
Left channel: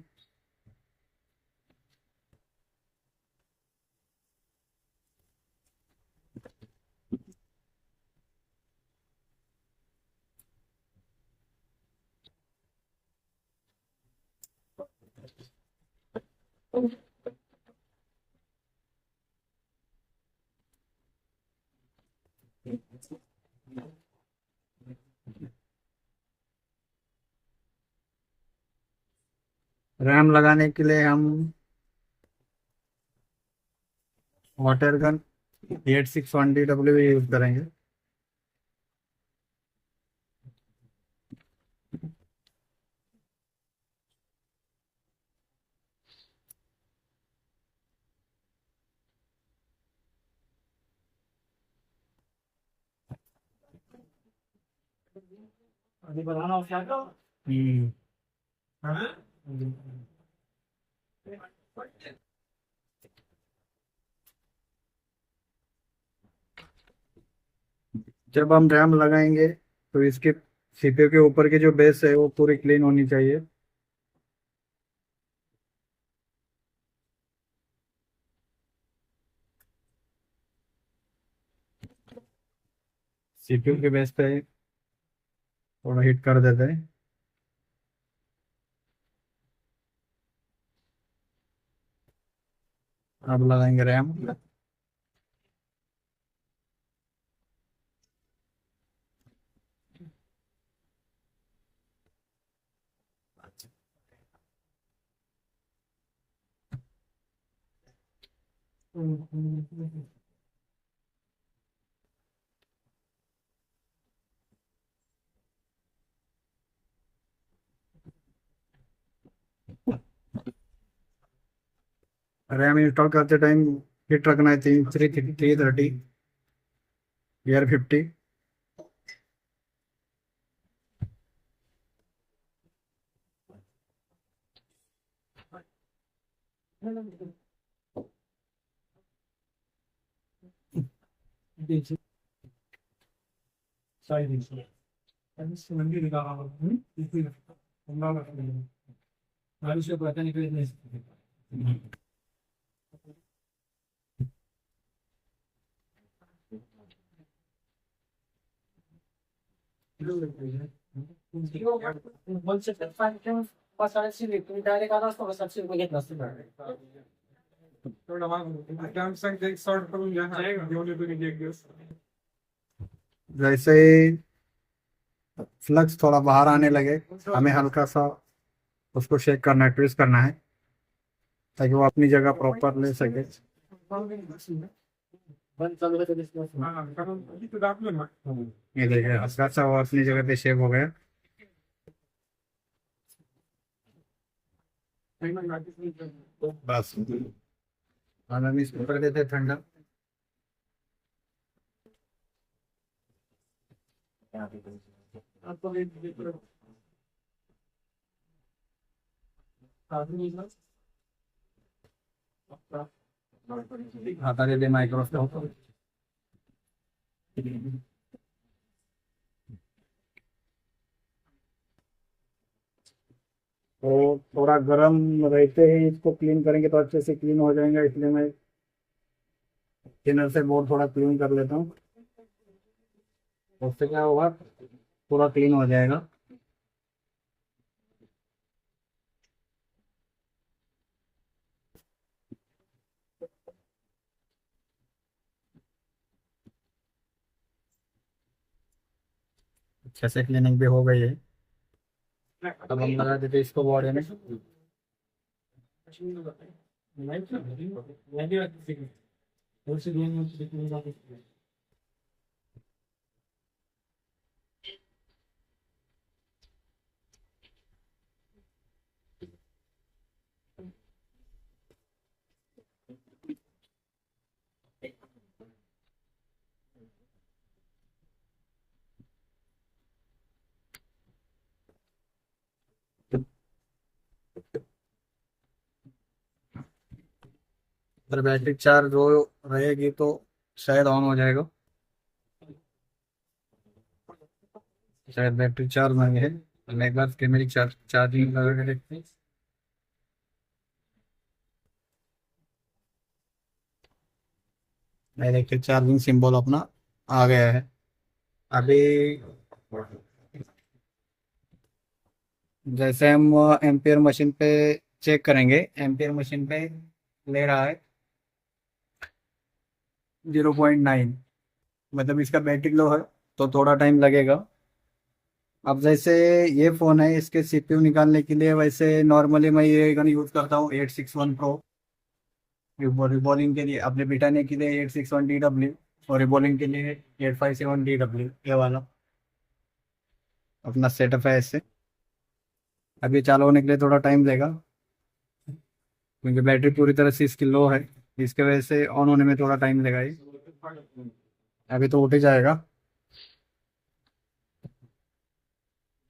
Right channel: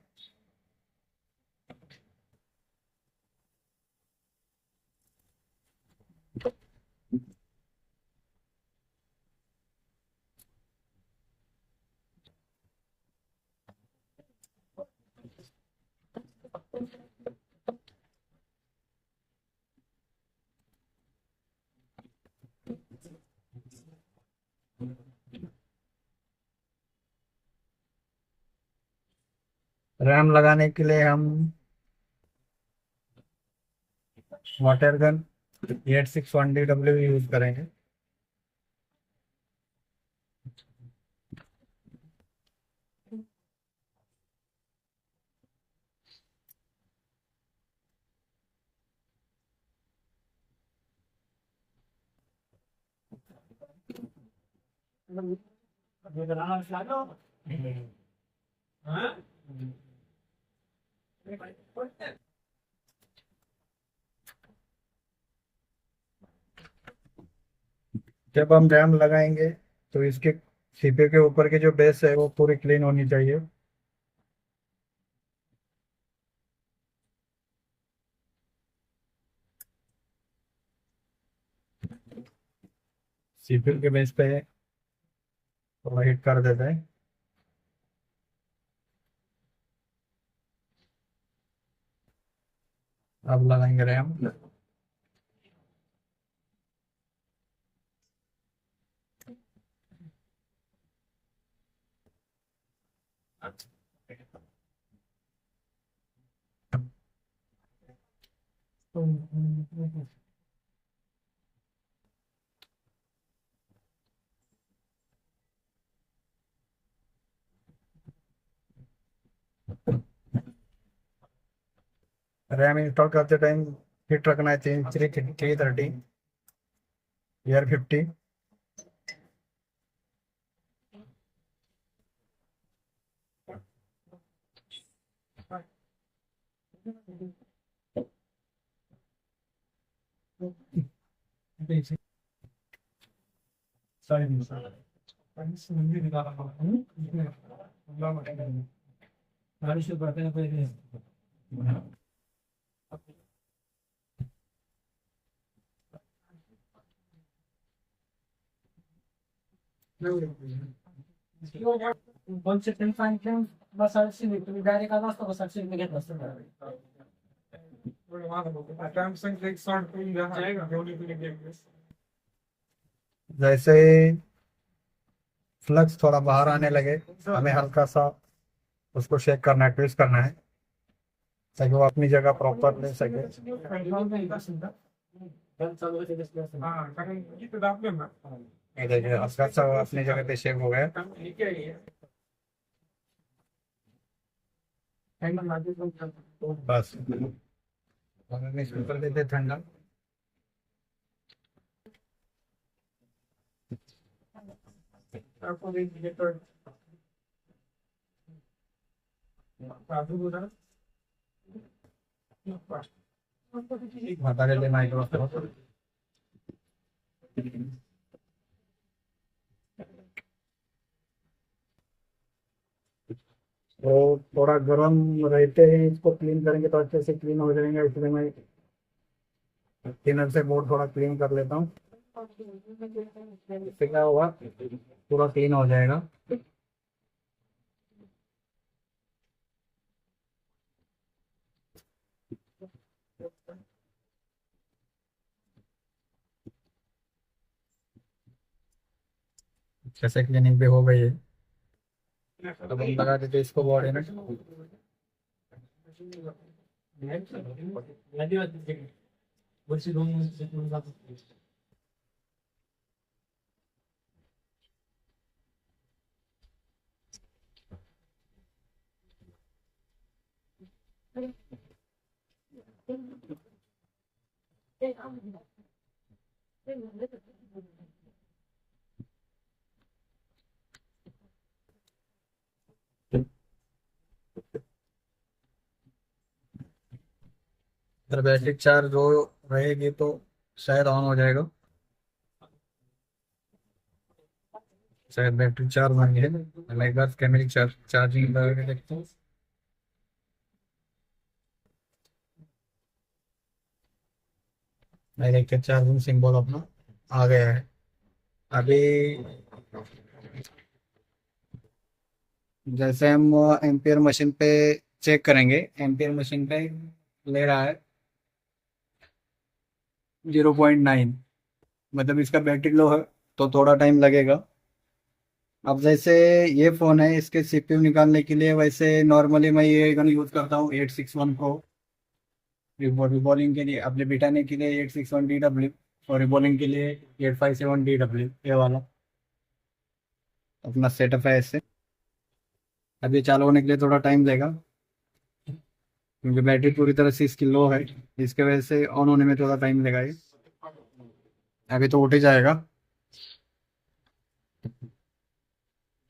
रैम लगाने के लिए हम वाटर गन 8620 यूज करेंगे। अभी बनाना क्या हम्म, जब हम रैम लगाएंगे तो इसके सीपीयू के ऊपर की जो बेस है वो पूरी क्लीन होनी चाहिए। सीपीयू के बेस पे थोड़ा हिट कर देते हैं। अब लगाएंगे रैम। रैम इंस्टॉल करते टाइम हिट रखना है 330 ER50। सारी दिन से मंदिर निकाला इसमें अल्लाह का नाम से बताने के लिए वन सेकंड फाइन क्यों बस आरसी तुम्ही डायरेक्ट आला असतो का 700 रुपये घेतला असतो ना थोडा मागं टाइम सांग एक सॉर्ट करून घ्या घेऊन येतो की एक दिवस जैसे फ्लक्स थोड़ा बाहर आने लगे हमें हल्का सा उसको शेक करना है, ट्विस्ट करना है ताकि वो अपनी जगह प्रॉपर ले सके। बंद चालू होते दिसलं हां कारण इथे दाबले ना ये देखिए हल्का सा वो अपनी जगह पे शेक हो गया। बस अब हम इसको कर देते हैं ठंडा। आपको ये तो हटा लेते माइक्रोस्कोप। तो थोड़ा गर्म रहते ही इसको क्लीन करेंगे तो अच्छे से क्लीन हो जाएगा, इसलिए मैं थिनर से बोर्ड थोड़ा क्लीन कर लेता हूँ। उससे क्या होगा, पूरा क्लीन हो जाएगा। अच्छे से क्लीनिंग भी हो गई है। अब हम लगा देते इसको बॉडी में। वर्षी 2 वर्ष अगर बैटरी चार्ज हो रहेगी तो शायद ऑन हो जाएगा। शायद बैटरी चार्ज नहीं है। हम एक बार कैमरे चार्जिंग लगा के देखते हैं। मैं देखते चार्जिंग सिंबल अपना आ गया है। अभी जैसे हम एम्पियर मशीन पे चेक करेंगे, एम्पियर मशीन पे ले रहा है 0.9, मतलब इसका बैटरी लो है तो थोड़ा टाइम लगेगा। अब जैसे ये फ़ोन है, इसके सीपीयू निकालने के लिए वैसे नॉर्मली मैं ये गन यूज़ करता हूँ 861 प्रो। रिबॉलिंग के लिए, अपने बिटाने के लिए 861DW, और रिबॉलिंग के लिए 857DW, ये वाला अपना सेटअप है इससे। अब ये चालू होने के लिए थोड़ा टाइम लेगा क्योंकि बैटरी पूरी तरह से इसकी लो है, इसके वजह से ऑन होने में थोड़ा टाइम लेगा ये। अभी तो उठ ही जाएगा।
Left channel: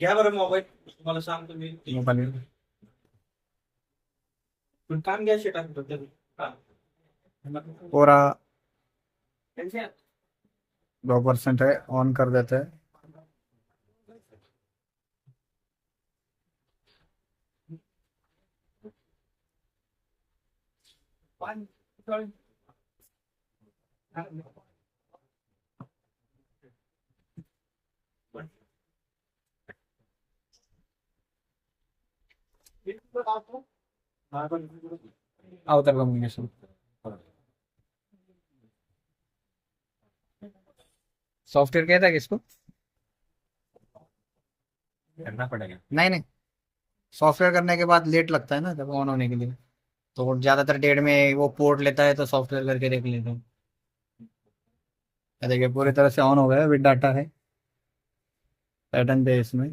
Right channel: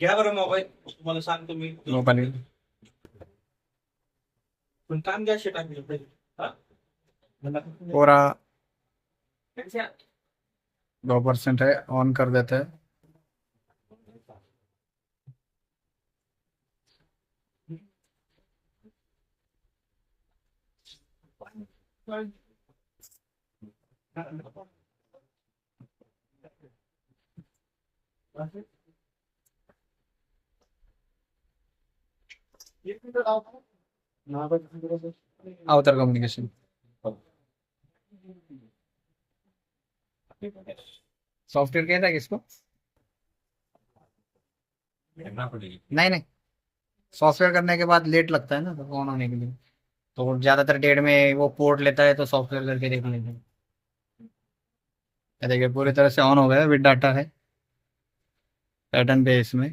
घ्या बरं मोबाईल, तुम्हाला सांगतो मी. मोबाइल पण काम घ्या शेट टाकलं तरी. हा? पूरा त्यांच्या 2% है, ऑन कर देते हैं। आउटर कम्युनिकेशन सॉफ्टवेयर क्या था किसको करना पड़ेगा. नहीं नहीं, सॉफ्टवेयर करने के बाद लेट लगता है ना जब ऑन होने के लिए, तो ज़्यादातर डेट में वो पोर्ट लेता है तो सॉफ्टवेयर करके देख लेते हैं। ये देखिए पूरी तरह से ऑन हो गया, विद डाटा है, पैटर्न पे इसमें